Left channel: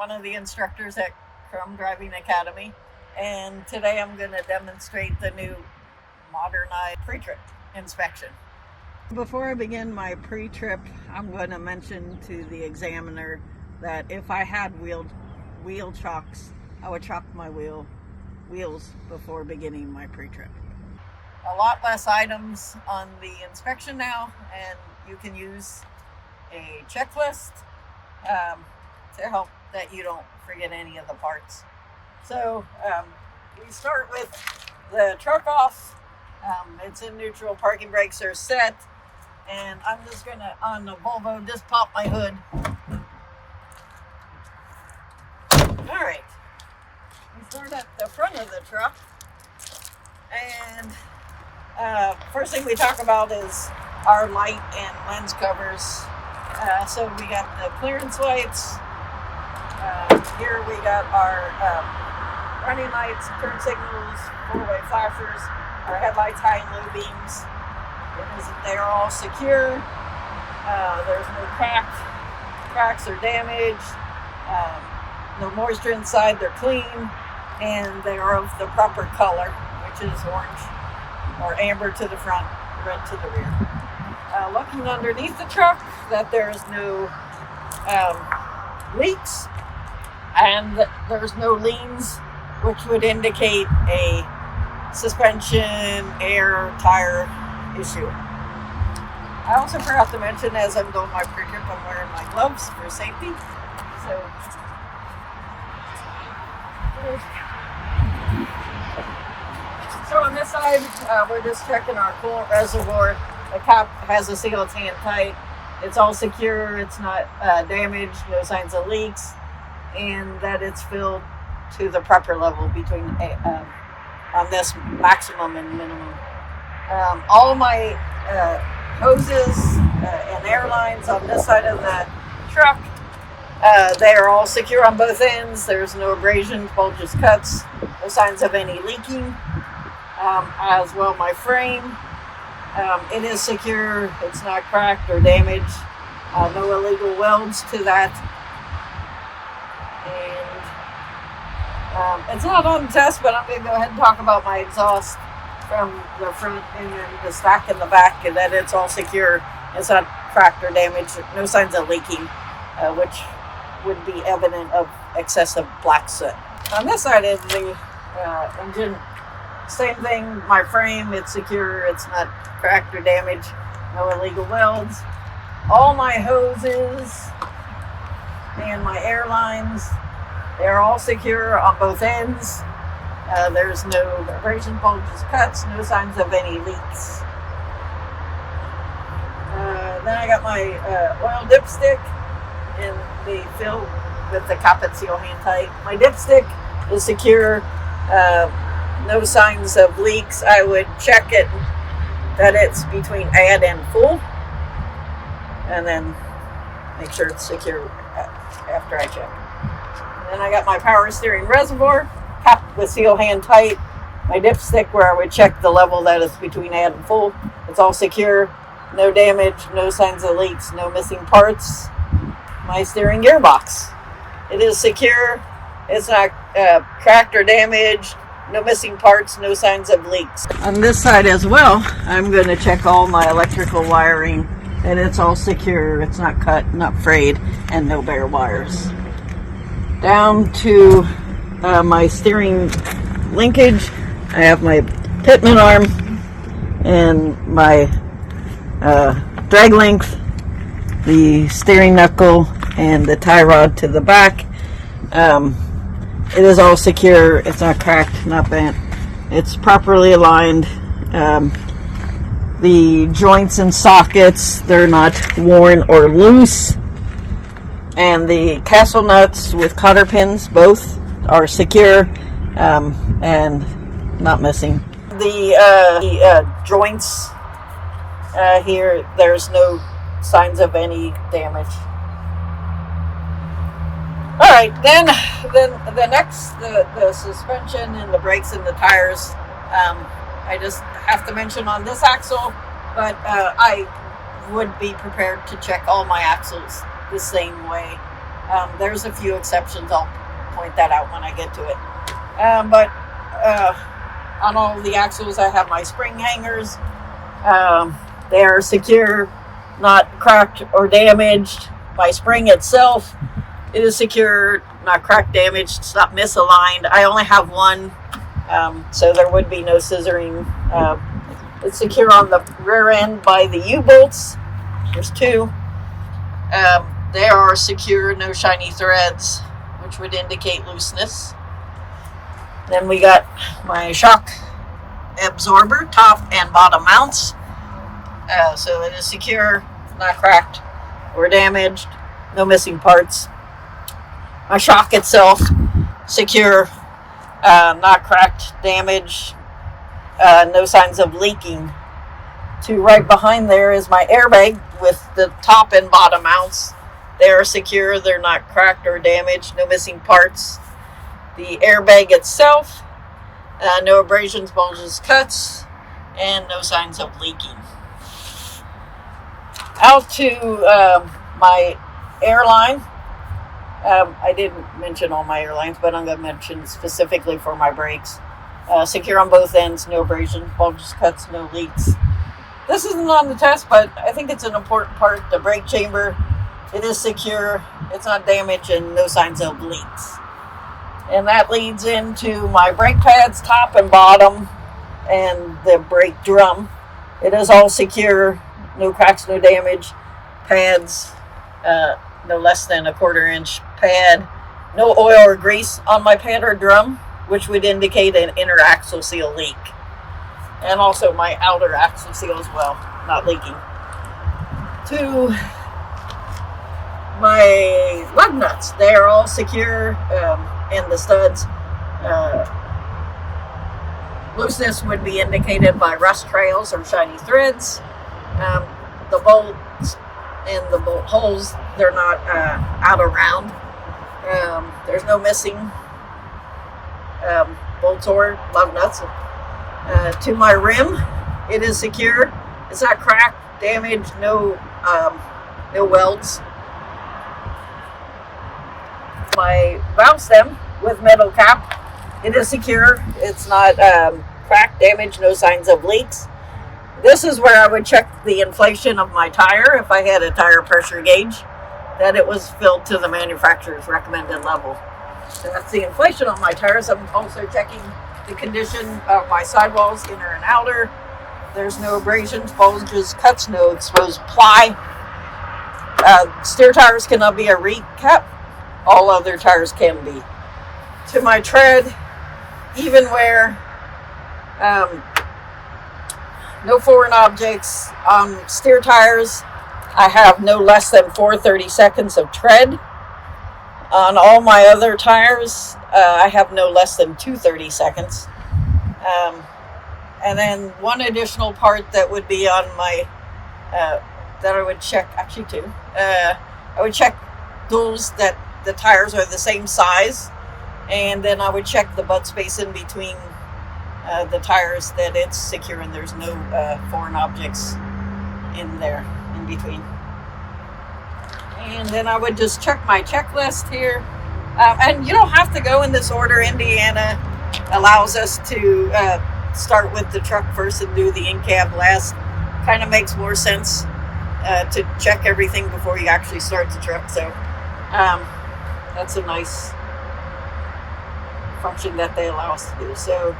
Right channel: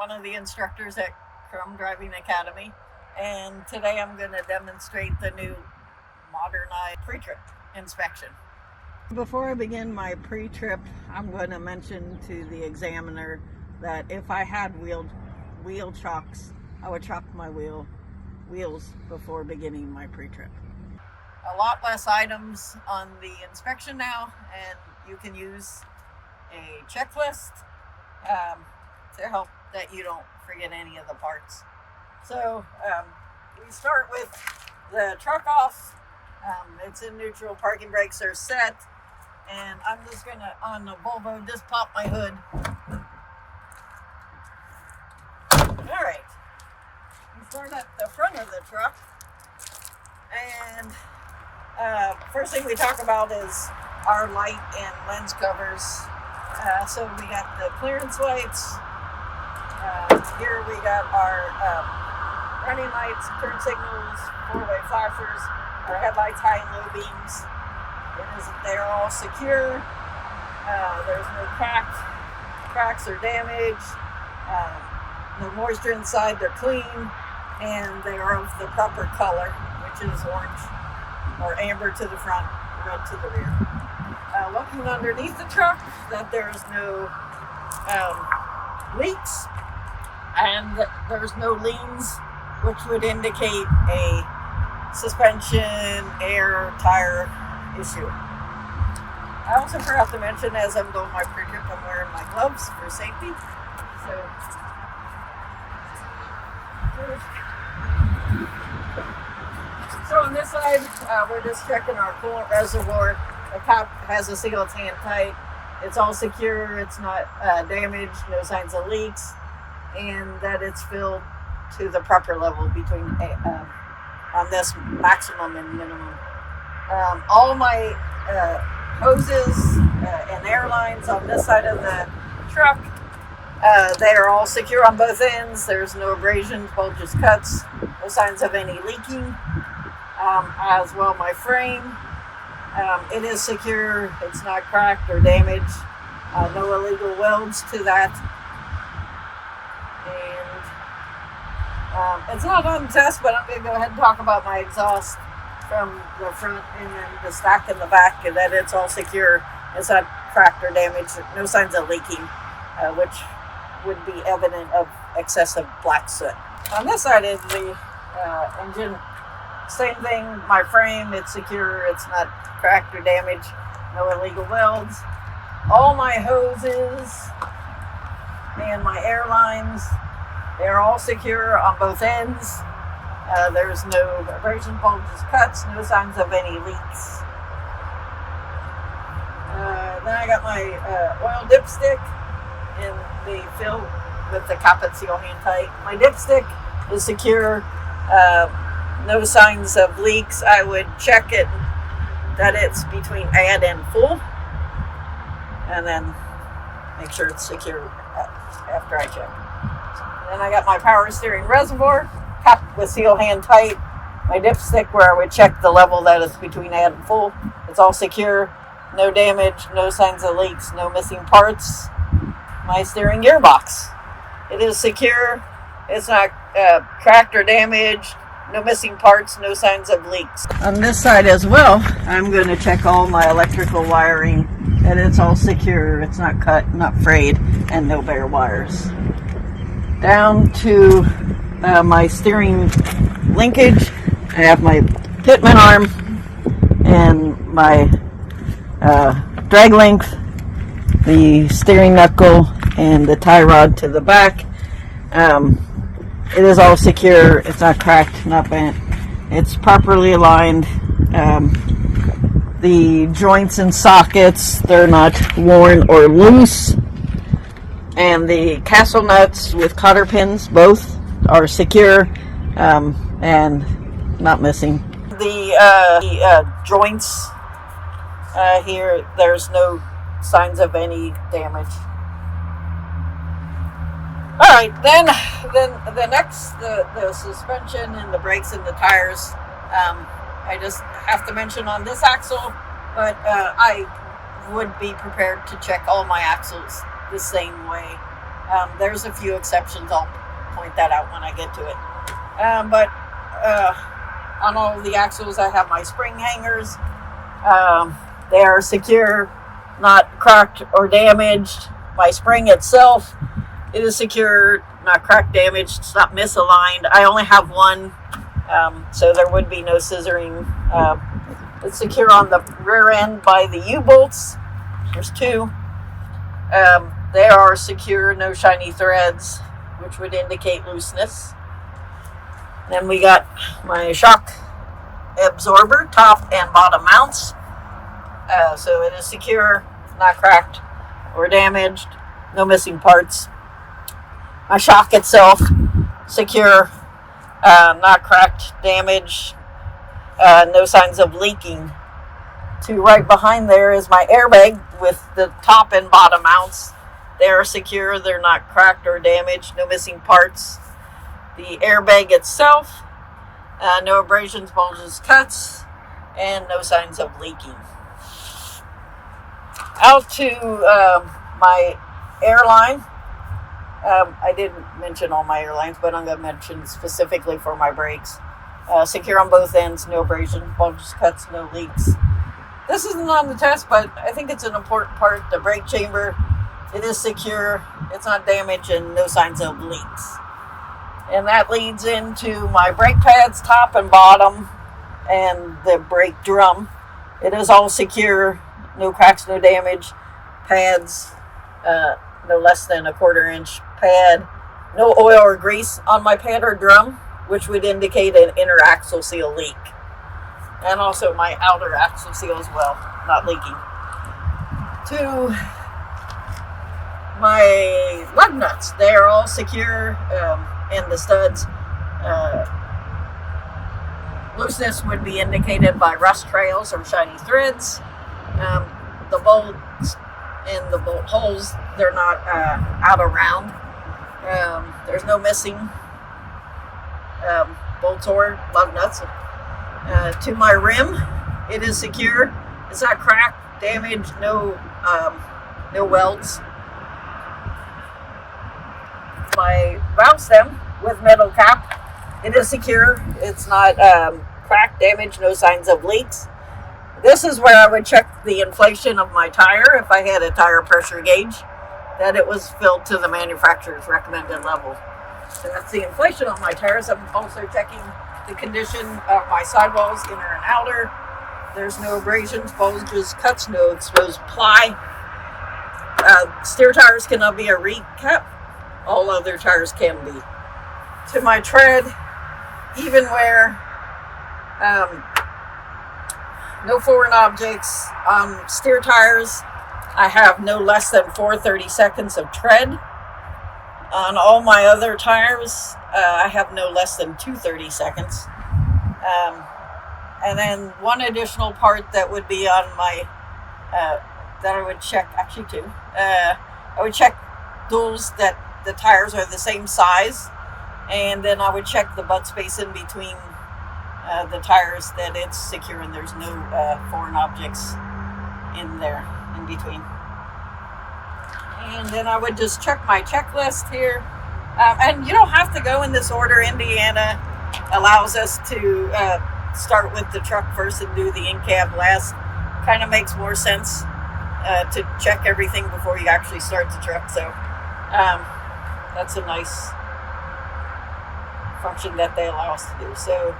one of the instructors at Crum Driving Academy, and today I'm going to demonstrate the new modernized pre-trip inspection. Before I begin my pre-trip, I'm going to mention to the examiner that if I had wheel chocks, I would chalk my wheels before beginning my pre-trip. A lot less items on the inspection now, and you can use a checklist to help that you don't forget any of the parts. So we start with the truck off. It's in neutral, parking brakes are set, and I'm just gonna, on the Volvo, just pop my hood. All right, we start at the front of the truck, and first thing we talk about is our light and lens covers. So we got the clearance lights. Here we got our running lights, turn signals, four-way flashers, our headlights, high and low beams. They're all secure. There's no cracks or damage. No moisture inside. They're clean, and they are of the proper color, which is orange or amber to the front, red to the rear. Looking underneath the truck, that there's no leaks and there's no leans, which would indicate a suspension, air, tire issue. I also forgot to mention, as I'm doing my pre-trip, I'm wearing my gloves for safety. So on this side, we're just checking our coolant reservoir. The cap has a seal, it's hand tight. It's all secure, it's not damaged, no signs of leaks, and that it's filled to the proper level between on this maximum and minimum. All my hoses and air lines on this side of the truck, they are all secure on both ends. There's no abrasions, bulges, cuts, no signs of any leaking. As well, my frame, it is secure. It's not cracked or damaged. No illegal welds to that. And it's not on the test, but I'm going to go ahead and talk about my exhaust from the front and then the stack in the back, and that it's all secure. It's not cracked or damaged. No signs of leaking, which would be evident of excessive black soot. On this side of the engine, same thing. My frame, it's secure. It's not cracked or damaged. No illegal welds. All my hoses and my air lines, they're all secure on both ends. There's no abrasion, bulges, cuts, no signs of any leaks. Then I got my oil dipstick, and they fill with the cap and seal hand tight. My dipstick is secure. No signs of leaks. I would check it that it's between add and full, and then make sure it's secure after I check. And then I got my power steering reservoir capped with seal hand tight. My dipstick, where I would check the level that is between add and full. It's all secure. No damage. No signs of leaks. No missing parts. My steering gearbox, it is secure. It's not cracked or damaged. No missing parts, no signs of leaks. On this side as well, I'm going to check all my electrical wiring, and it's all secure. It's not cut, not frayed, and no bare wires. Down to my steering linkage, I have my pitman arm and my drag length, the steering knuckle, and the tie rod to the back. It is all secure. It's not cracked, not bent. It's properly aligned. The joints and sockets, they're not worn or loose. And the castle nuts with cotter pins, both are secure and not missing. The joints here, there's no signs of any damage. All right, then the next, the suspension and the brakes and the tires. I just have to mention on this axle, but I would be prepared to check all my axles the same way. There's a few exceptions. I'll point that out when I get to it. But on all the axles, I have my spring hangers. They are secure, not cracked or damaged. My spring itself, it is secure, not cracked, damaged. It's not misaligned. I only have one, so there would be no scissoring. It's secure on the rear end by the U-bolts. There's two. They are secure, no shiny threads, which would indicate looseness. Then we got my shock absorber, top and bottom mounts. So it is secure, not cracked or damaged, no missing parts. My shock itself, secure, not cracked, damaged, no signs of leaking. To right behind there is my airbag with the top and bottom mounts. They are secure, they're not cracked or damaged, no missing parts. The airbag itself, no abrasions, bulges, cuts, and no signs of leaking. Out to my airline. I didn't mention all my airlines, but I'm going to mention specifically for my brakes. Secure on both ends, no abrasion, bulges, cuts, no leaks. This isn't on the test, but I think it's an important part. The brake chamber, it is secure, it's not damaged, and no signs of leaks. And that leads into my brake pads, top and bottom, and the brake drum. It is all secure, no cracks, no damage. Pads, no less than a 1/4 inch pad. No oil or grease on my pad or drum, which would indicate an inner axle seal leak. And also my outer axle seal as well, not leaking. To my lug nuts, they are all secure, and the studs. Looseness would be indicated by rust trails or shiny threads. The bolts and the bolt holes, they're not out around. There's no missing bolts or lug nuts. To my rim, it is secure. It's not cracked, damaged, no welds. My valve stem with metal cap, it is secure. It's not cracked, damaged, no signs of leaks. This is where I would check the inflation of my tire if I had a tire pressure gauge, that it was filled to the manufacturer's recommended level. So that's the inflation on my tires. I'm also checking the condition of my sidewalls, inner and outer. There's no abrasions, bulges, cuts, no exposed ply. Steer tires cannot be a recap. All other tires can be. To my tread, even wear, no foreign objects. Steer tires, I have no less than 430 seconds of tread. On all my other tires, I have no less than 230 seconds. And then one additional part that would be on my, that I would check, actually two. I would check those that the tires are the same size. And then I would check the butt space in between the tires, that it's secure and there's no foreign objects in there, in between. And then I would just check my checklist here. And you don't have to go in this order. Indiana allows us to start with the truck first and do the in-cab last. Kind of makes more sense to check everything before you actually start the truck. So that's a nice function that they allow us to do. So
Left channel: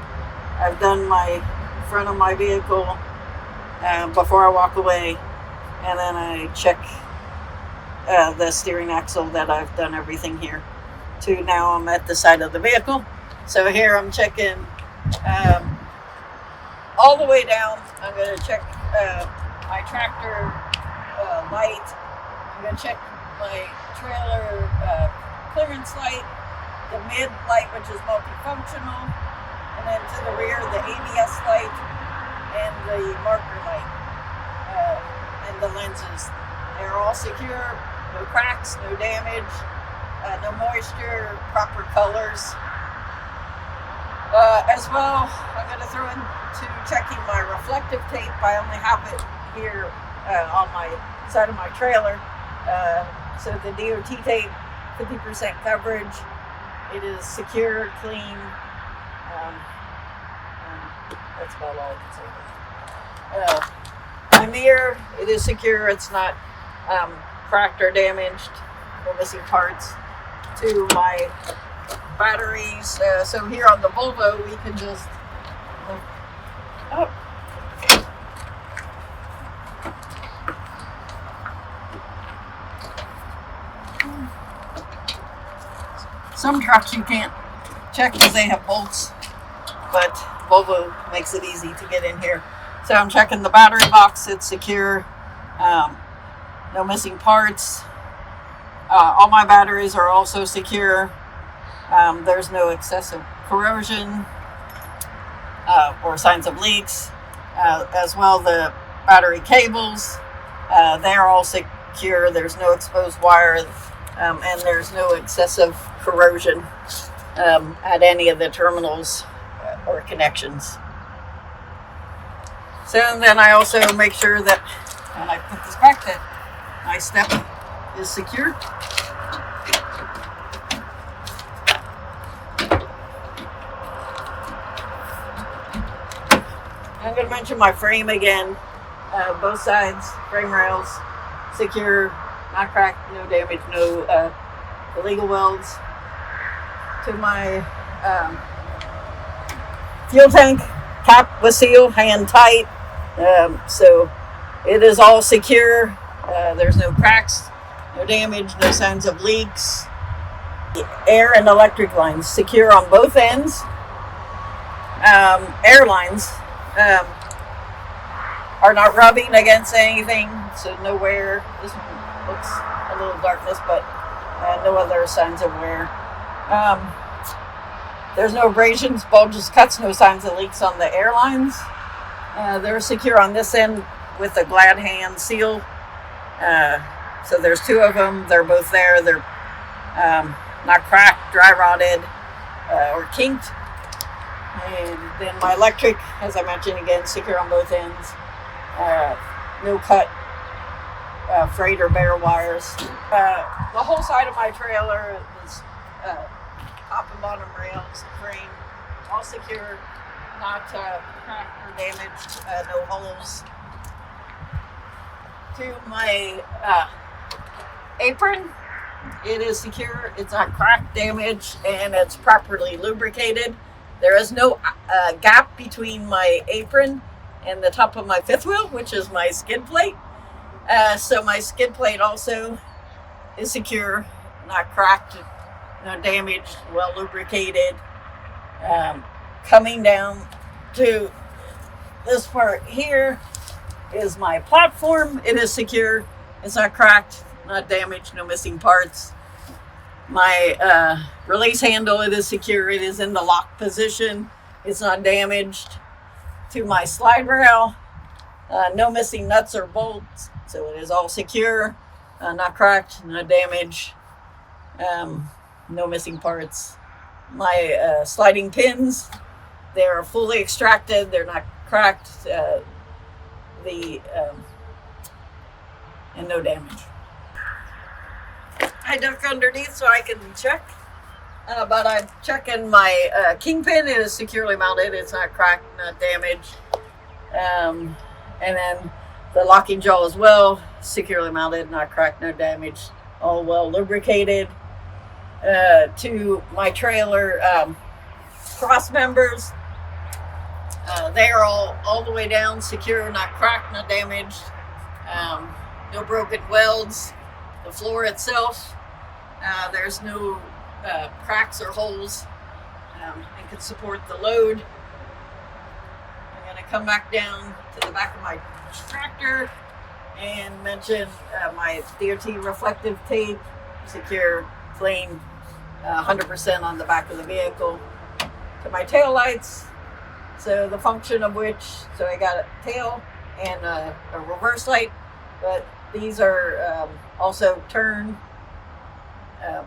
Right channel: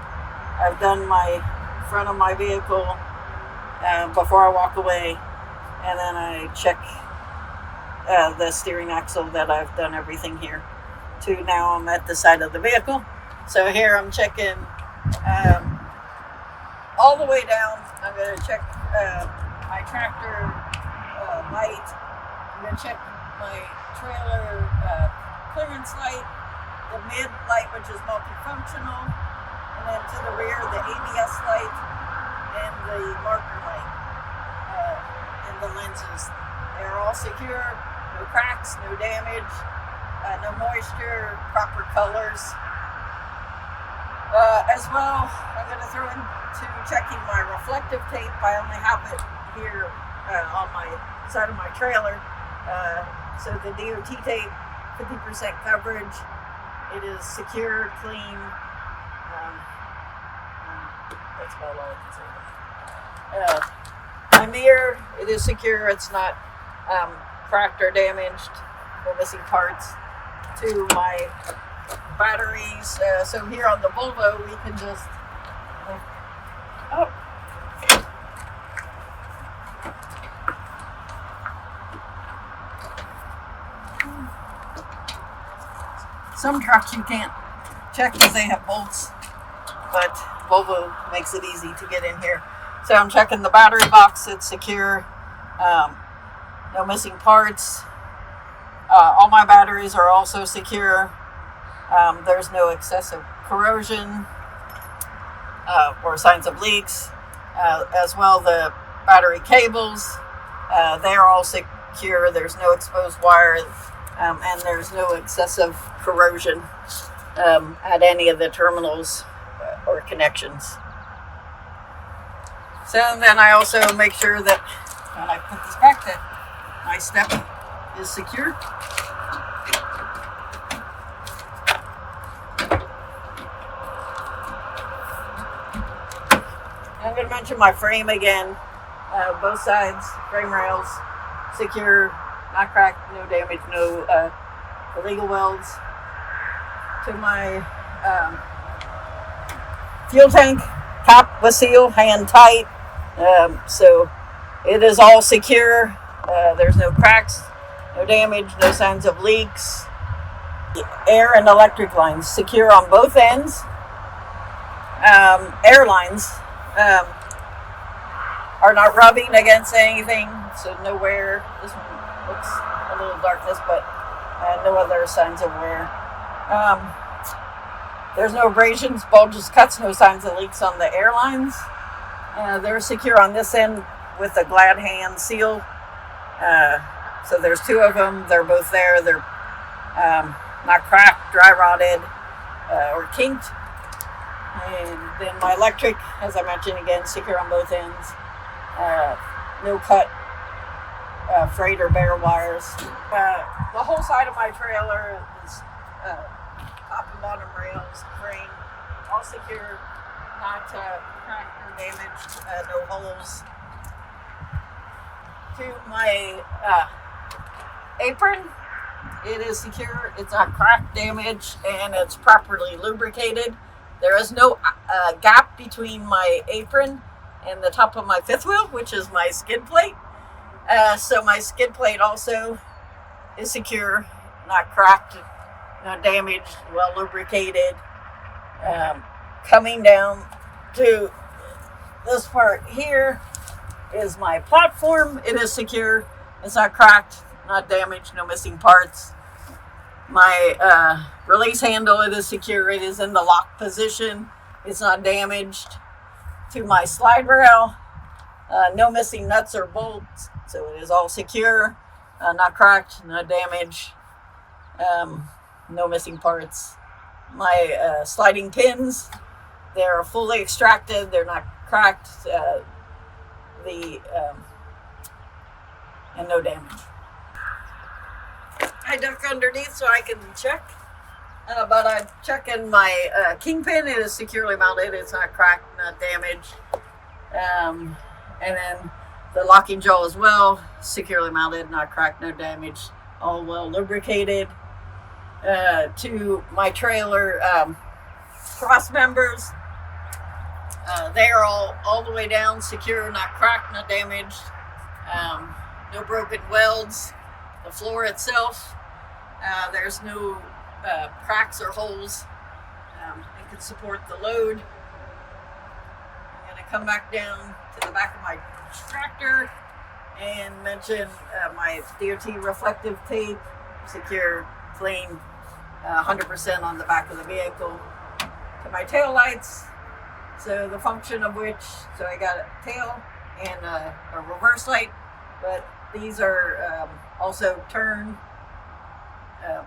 I've done my front of my vehicle before I walk away, and then I check the steering axle, that I've done everything here. To now I'm at the side of the vehicle. So here I'm checking all the way down. I'm going to check my tractor light. I'm going to check my trailer clearance light, the mid light, which is multifunctional, and then to the rear, the ABS light and the marker light, and the lenses. They're all secure, no cracks, no damage, no moisture, proper colors. As well, I'm going to throw into checking my reflective tape. I only have it here on my side of my trailer. So the DOT tape 50% coverage. It is secure, clean. That's about all I can say. My mirror, it is secure. It's not cracked or damaged. No missing parts. To my batteries. So here on the Volvo, we can just up. Some trucks you can't check because they have bolts, but Volvo makes it easy to get in here. So I'm checking the battery box. It's secure. No missing parts. All my batteries are also secure. There's no excessive corrosion or signs of leaks. As well, the battery cables, they're all secure. There's no exposed wires, and there's no excessive corrosion at any of the terminals or connections. So then I also make sure that when I put this back, that my step is secure. I'm going to mention my frame again. Both sides, frame rails, secure, not cracked, no damage, no illegal welds. To my fuel tank, cap with seal, hand tight. So it is all secure. There's no cracks, no damage, no signs of leaks. The air and electric lines secure on both ends. Air lines are not rubbing against anything, so no wear. This one looks a little darkness, but no other signs of wear. There's no abrasions, bulges, cuts, no signs of leaks on the airlines. They're secure on this end with a glad hand seal. So there's two of them. They're both there. They're not cracked, dry rotted, or kinked. And then my electric, as I mentioned again, secure on both ends. No cut, freight or bare wires. The whole side of my trailer is top and bottom rails, frame, all secure, not cracked or damaged, no holes. To my apron, it is secure, it's not cracked, damaged, and it's properly lubricated. There is no gap between my apron and the top of my fifth wheel, which is my skid plate. So my skid plate also is secure, not cracked, not damaged, well lubricated. Coming down to this part here is my platform. It is secure, it's not cracked, not damaged, no missing parts. My release handle, it is secure, it is in the lock position, it's not damaged. To my slide rail, no missing nuts or bolts, so it is all secure, not cracked, not damaged, no missing parts. My sliding pins, they're fully extracted, they're not cracked, and no damage. I duck underneath so I can check, but I'm checking my kingpin. It is securely mounted, it's not cracked, not damaged. And then the locking jaw as well, securely mounted, not cracked, no damage, all well lubricated. To my trailer cross members, they are all the way down, secure, not cracked, not damaged, no broken welds. The floor itself, there's no cracks or holes. It can support the load. I'm going to come back down to the back of my tractor and mention my DOT reflective tape, secure, clean, 100% on the back of the vehicle. To my tail lights, so the function of which, so I got a tail and a reverse light, but these are also turn,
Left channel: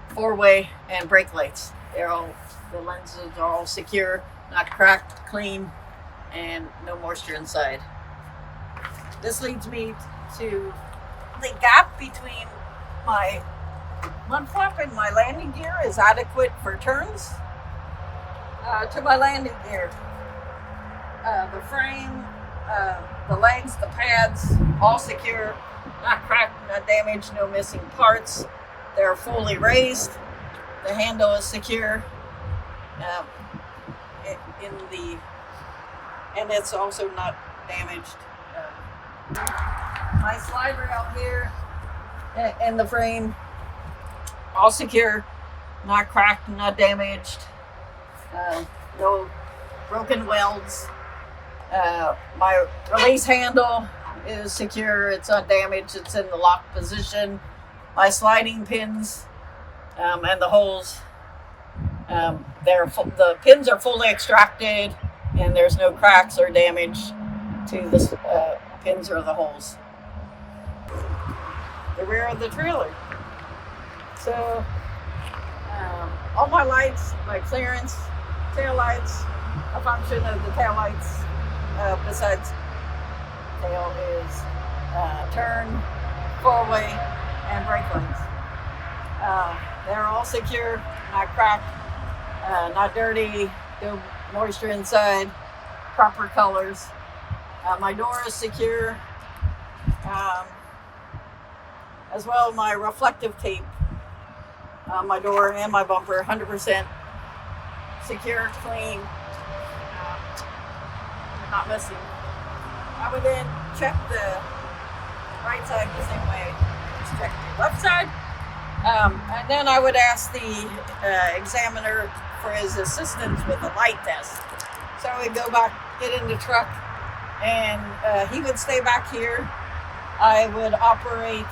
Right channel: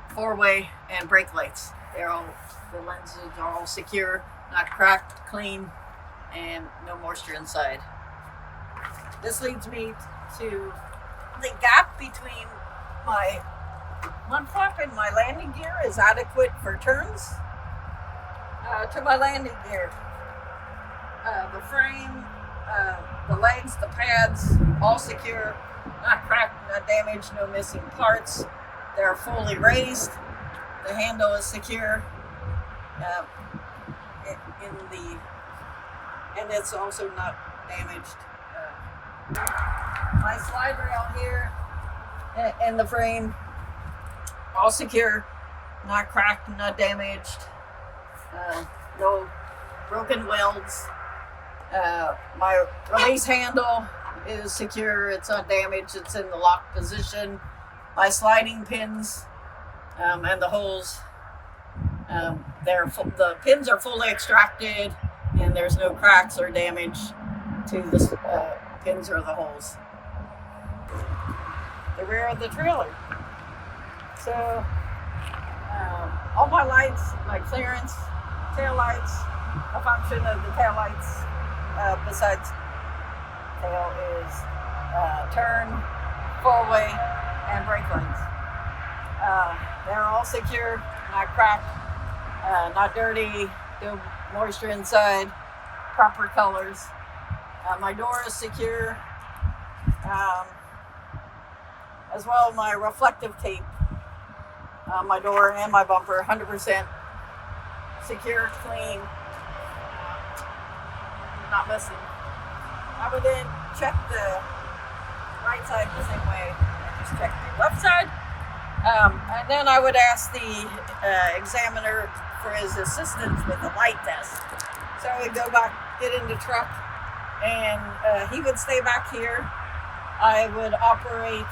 four-way, and brake lights. The lenses are all secure, not cracked, clean, and no moisture inside. This leads me to the gap between my Mud flap in my landing gear is adequate for turns. To my landing gear, the frame, the legs, the pads, all secure, not cracked, not damaged, no missing parts. They're fully raised. The handle is secure. And it's also not damaged. My slide rail here and the frame, all secure, not cracked, not damaged, no broken welds. My release handle is secure, it's not damaged, it's in the lock position. My sliding pins and the holes, the pins are fully extracted, and there's no cracks or damage to the pins or the holes. The rear of the trailer. So all my lights, my clearance, tail lights, a function of the tail lights besides tail is turn, four-way, and brake lights. They're all secure, not cracked, not dirty, no moisture inside, proper colors. My door is secure, as well as my reflective tape. My door and my bumper, 100% secure, clean, not missing. I would then check the right side the same way I just checked the left side. And then I would ask the examiner for his assistance with the light test. So I would go back, get in the truck, and he would stay back here. I would operate,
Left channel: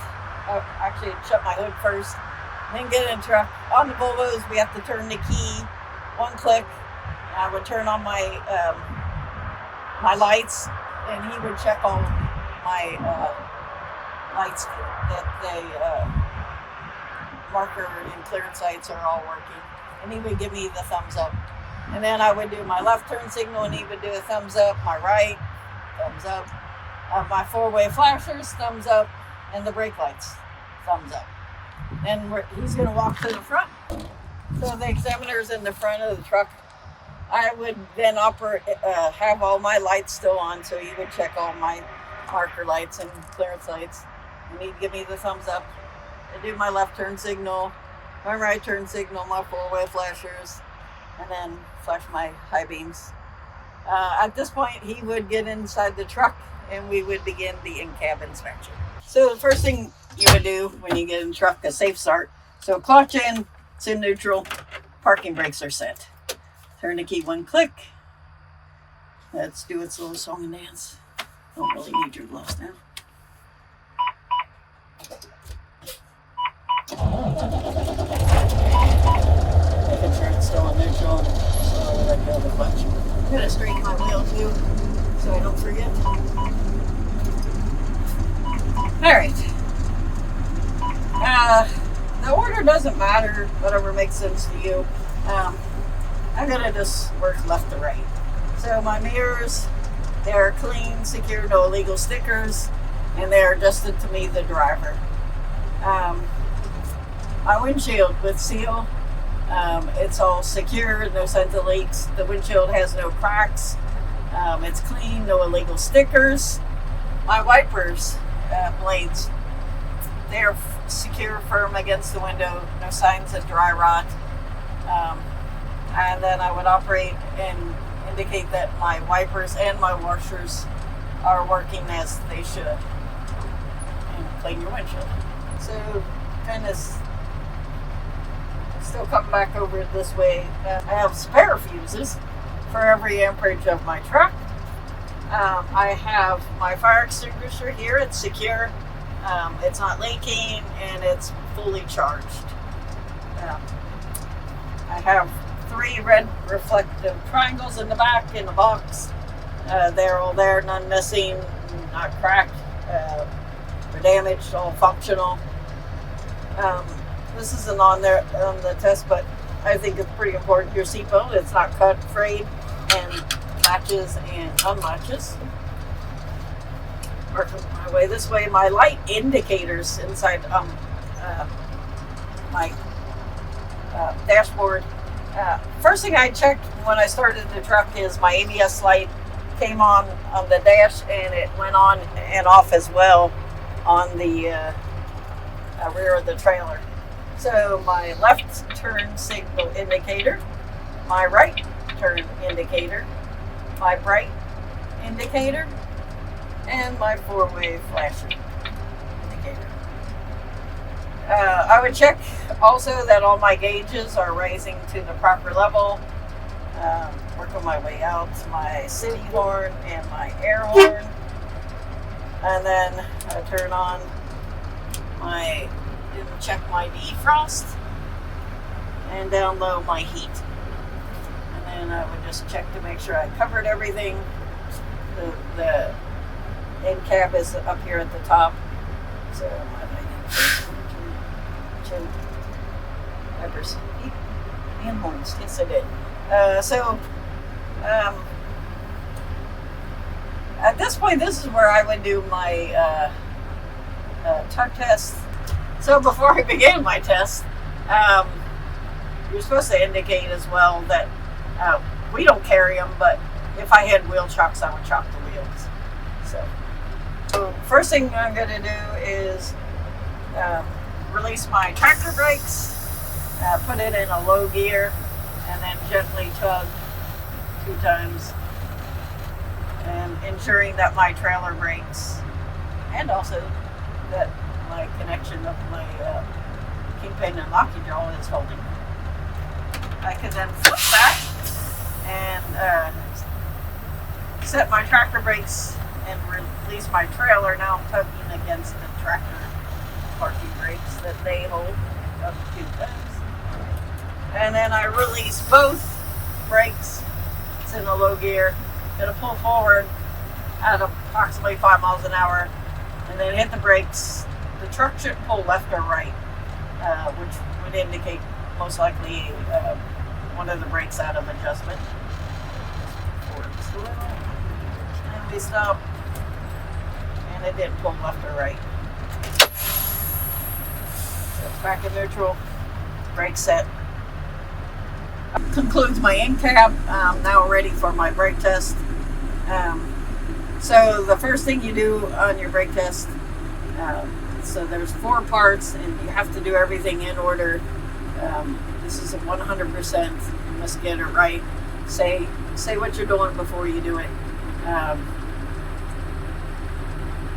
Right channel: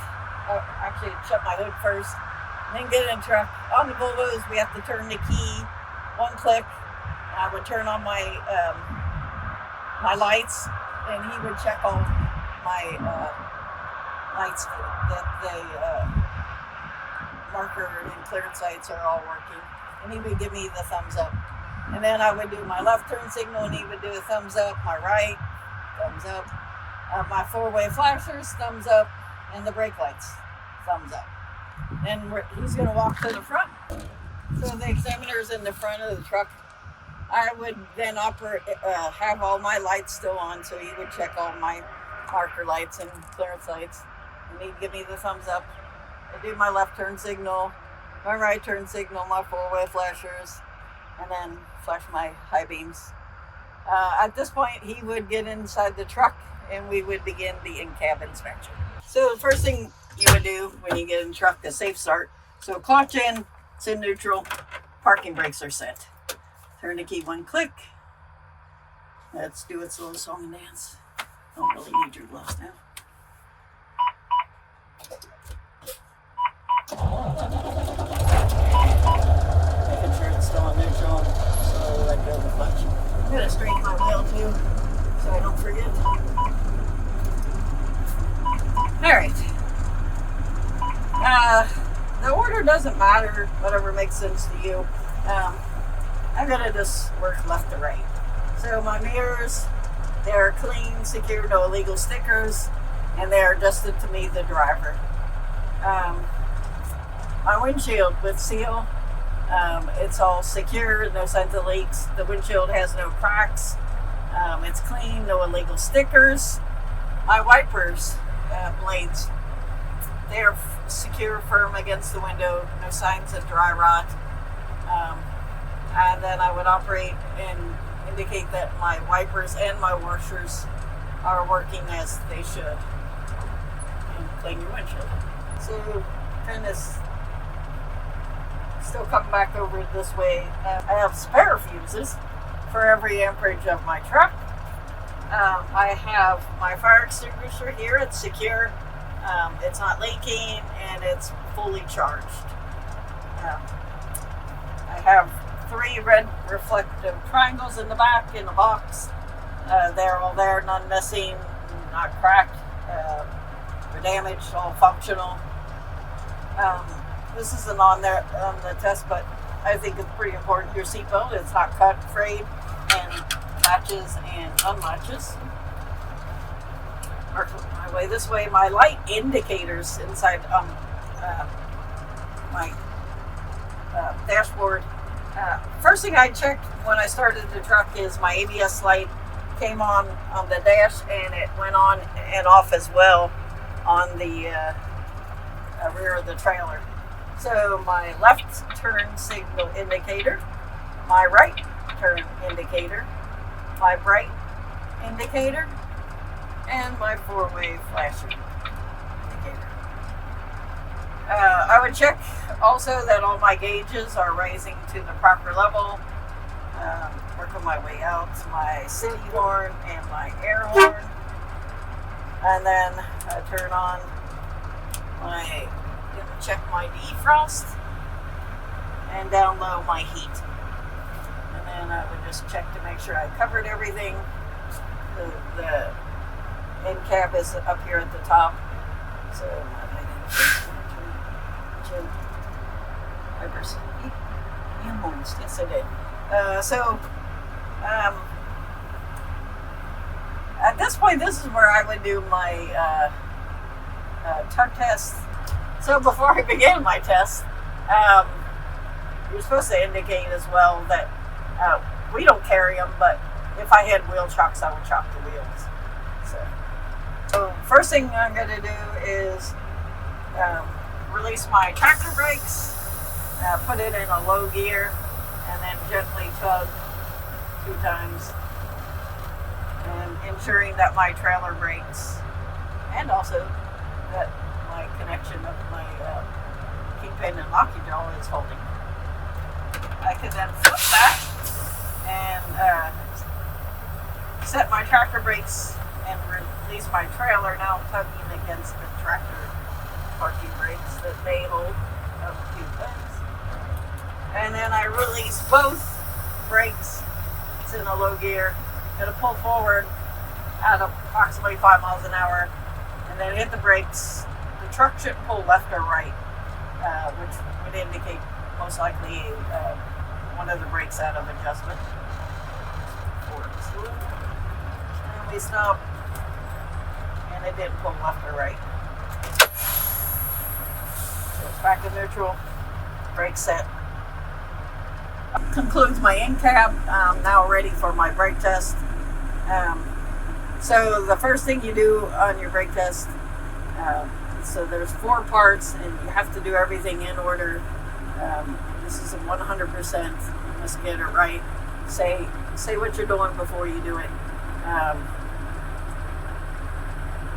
actually shut my hood first, then get in the truck. On the Volvos, we have to turn the key, one click. I would turn on my my lights, and he would check all my lights that the marker and clearance lights are all working, and he would give me the thumbs up. And then I would do my left turn signal, and he would do a thumbs up. My right, thumbs up. My four-way flashers, thumbs up, and the brake lights, thumbs up. Then he's going to walk to the front. So the examiner's in the front of the truck. I would then have all my lights still on, so he would check all my marker lights and clearance lights, and he'd give me the thumbs up. I do my left turn signal, my right turn signal, my four-way flashers, and then flash my high beams. At this point, he would get inside the truck, and we would begin the in-cab inspection. So the first thing you would do when you get in the truck, a safe start. So clutch in, it's in neutral, parking brakes are set. Turn the key one click. Let's do its little song and dance. Don't really need your gloves now. Making sure it's still in neutral, and so I let go of the clutch. I'm going to straighten my wheel too, so I don't forget. Alright. The order doesn't matter, whatever makes sense to you. I'm going to just work left to right. So my mirrors, they're clean, secure, no illegal stickers, and they're adjusted to me, the driver. My windshield with seal, it's all secure, no signs of leaks. The windshield has no cracks. It's clean, no illegal stickers. My wipers, blades, they're secure, firm against the window, no signs of dry rot. And then I would operate and indicate that my wipers and my washers are working as they should. And clean your windshield. So kind of still coming back over this way. I have spare fuses for every amperage of my truck. I have my fire extinguisher here. It's secure. It's not leaking, and it's fully charged. I have 3 red reflective triangles in the back in the box. They're all there, none missing, not cracked or damaged, all functional. This isn't on there on the test, but I think it's pretty important. Your seatbelt, it's not cut, frayed, and latches and unlatches. Work my way this way. My light indicators inside my dashboard. First thing I checked when I started the truck is my ABS light came on the dash, and it went on and off as well on the rear of the trailer. So my left turn signal indicator, my right turn indicator, my bright indicator, and my four-way flasher indicator. I would check also that all my gauges are rising to the proper level. Working my way out to my city horn and my air horn. And then I turn on my, check my defrost and down low my heat. And then I would just check to make sure I covered everything. The end cap is up here at the top. So wipers, heat, and horns. Yes, I did. At this point, this is where I would do my tug test. So before I begin my test, you're supposed to indicate as well that we don't carry them, but if I had wheel chocks, I would chock the wheels. So first thing I'm going to do is release my tractor brakes, put it in a low gear, and then gently tug 2 times, and ensuring that my trailer brakes and also that my connection of my kingpin and locking jaw is holding. I can then flip back and set my tractor brakes and release my trailer, now tugging against the tractor parking brakes that they hold up 2 times. And then I release both brakes. It's in a low gear. Gonna pull forward at approximately 5 miles an hour, and then hit the brakes. The truck should pull left or right, which would indicate most likely one of the brakes out of adjustment. And we stop, and it didn't pull left or right. So it's back in neutral, brake set. Concludes my end cap. I'm now ready for my brake test. So the first thing you do on your brake test, so there's 4 parts, and you have to do everything in order. This is a 100%. You must get it right. Say what you're doing before you do it.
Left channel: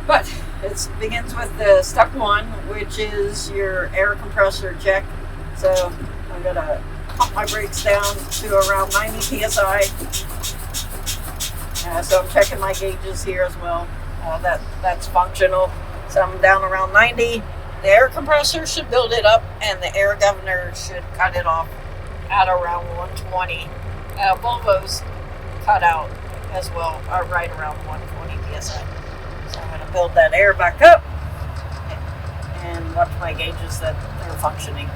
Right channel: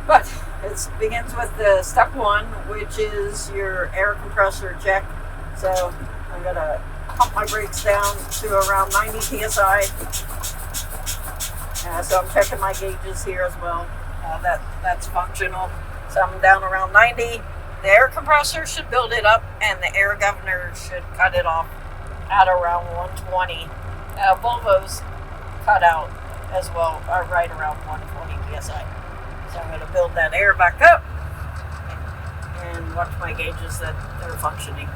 But it begins with the step 1, which is your air compressor check. So I'm gonna pump my brakes down to around 90 psi. So I'm checking my gauges here as well. That's functional. So I'm down around 90. The air compressor should build it up, and the air governor should cut it off at around 120. Volvo's cut out as well, right around 120 psi. So I'm going to build that air back up and watch my gauges that they're functioning.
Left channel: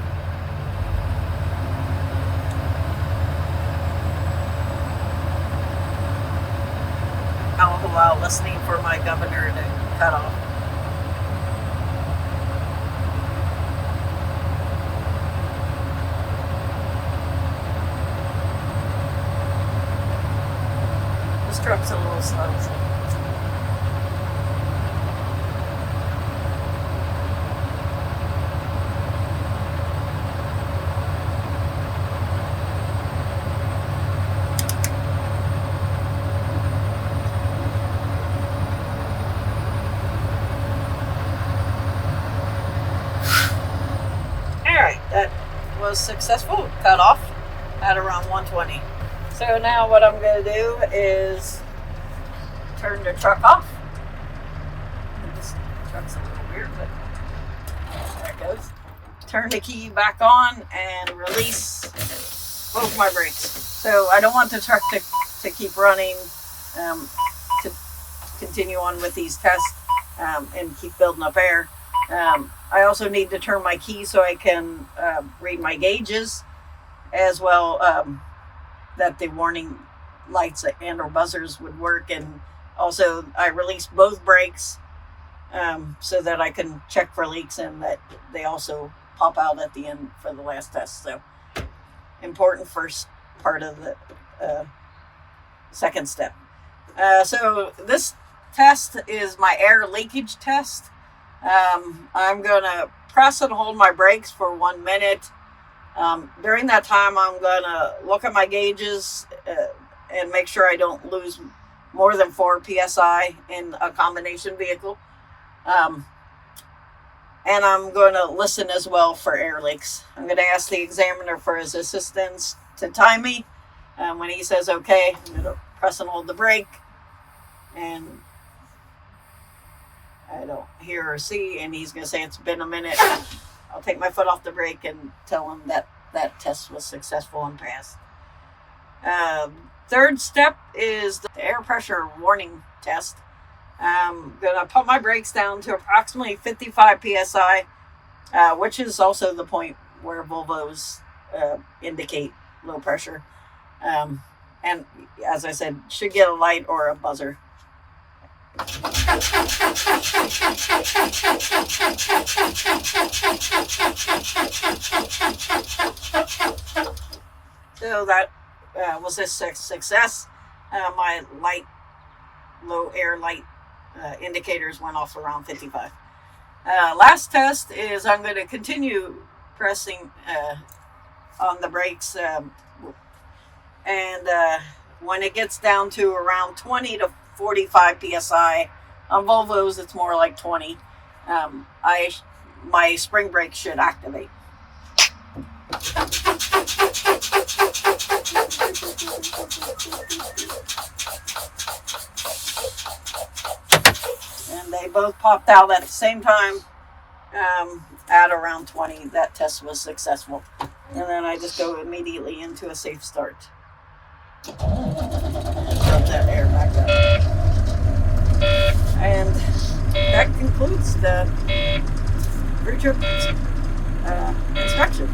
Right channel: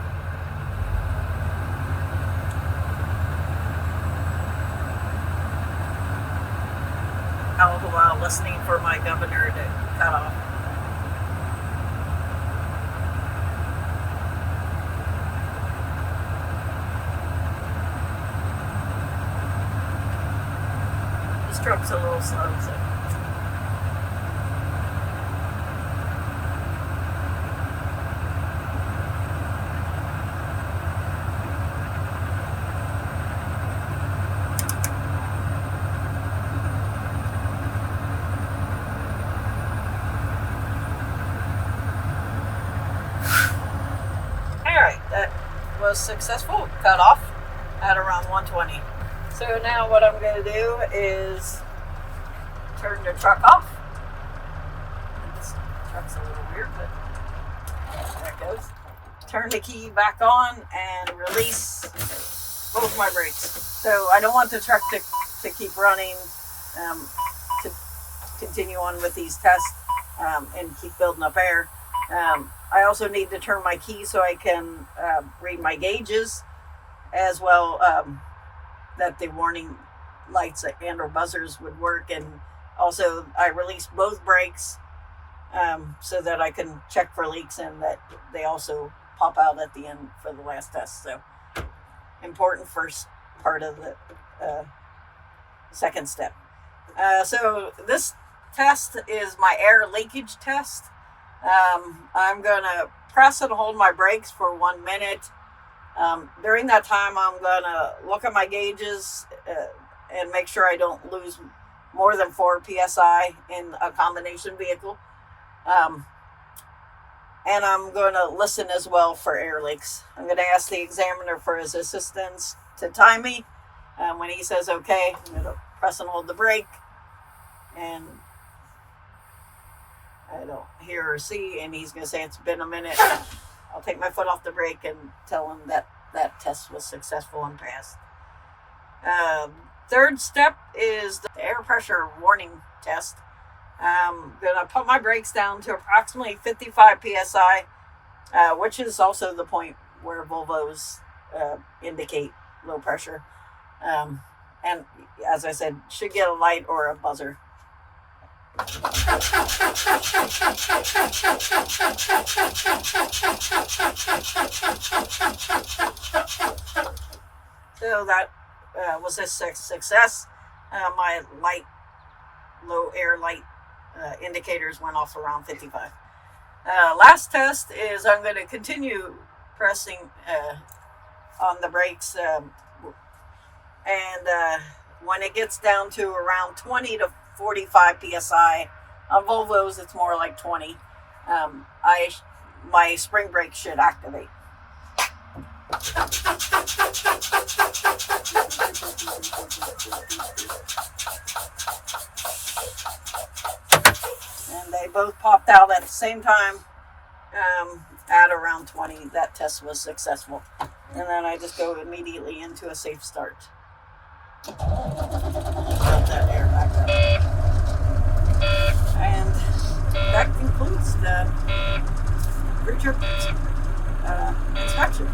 All the while listening for my governor to cut off. This truck's a little slow. So. Was successful, cut off at around 120. So now what I'm going to do is turn the truck off. And this truck's a little weird, but there it goes. Turn the key back on and release both my brakes. So I don't want the truck to keep running, to continue on with these tests and keep building up air. I also need to turn my key so I can read my gauges, as well that the warning lights and or buzzers would work. And also I released both brakes so that I can check for leaks and that they also pop out at the end for the last test. So important first part of the second step. So this test is my air leakage test. I'm going to press and hold my brakes for 1 minute. During that time, I'm going to look at my gauges and make sure I don't lose more than 4 psi in a combination vehicle. And I'm going to listen as well for air leaks. I'm going to ask the examiner for his assistance to time me. When he says okay, I'm going to press and hold the brake. And I don't hear or see, and he's going to say it's been a minute. I'll take my foot off the brake and tell him that that test was successful and passed. Third step is the air pressure warning test. I'm going to put my brakes down to approximately 55 psi, which is also the point where Volvos indicate low pressure. And as I said, should get a light or a buzzer. So that was a success. My low air light indicators went off around 55. Last test is I'm going to continue pressing on the brakes, and when it gets down to around 20 to 45 psi, on Volvos it's more like 20, my spring brake should activate. And they both popped out at the same time at around 20. That test was successful. And then I just go immediately into a safe start. Build that air back up. And that concludes the pre-trip inspection.